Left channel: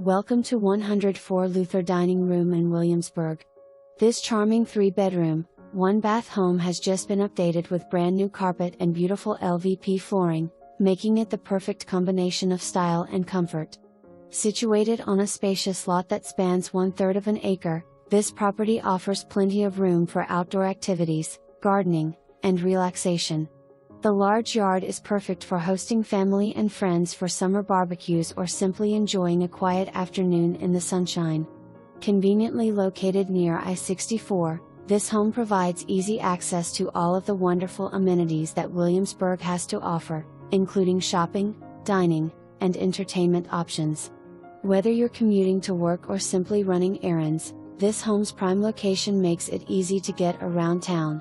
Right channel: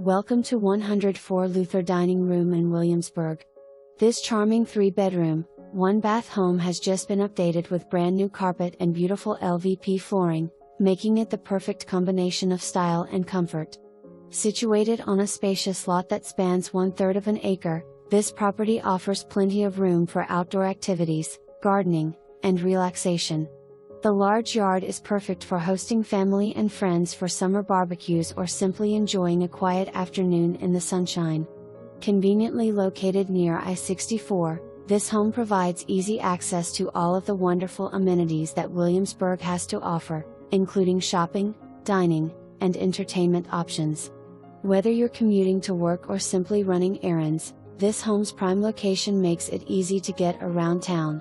Welcome to 104 Luther Dining Room in Williamsburg. This charming 3-bedroom, 1-bath home has just been updated with brand new carpet and beautiful LVP flooring, making it the perfect combination of style and comfort. Situated on a spacious lot that spans 1/3 of an acre, this property offers plenty of room for outdoor activities, gardening, and relaxation. The large yard is perfect for hosting family and friends for summer barbecues or simply enjoying a quiet afternoon in the sunshine. Conveniently located near I-64, this home provides easy access to all of the wonderful amenities that Williamsburg has to offer, including shopping, dining, and entertainment options. Whether you're commuting to work or simply running errands, this home's prime location makes it easy to get around town.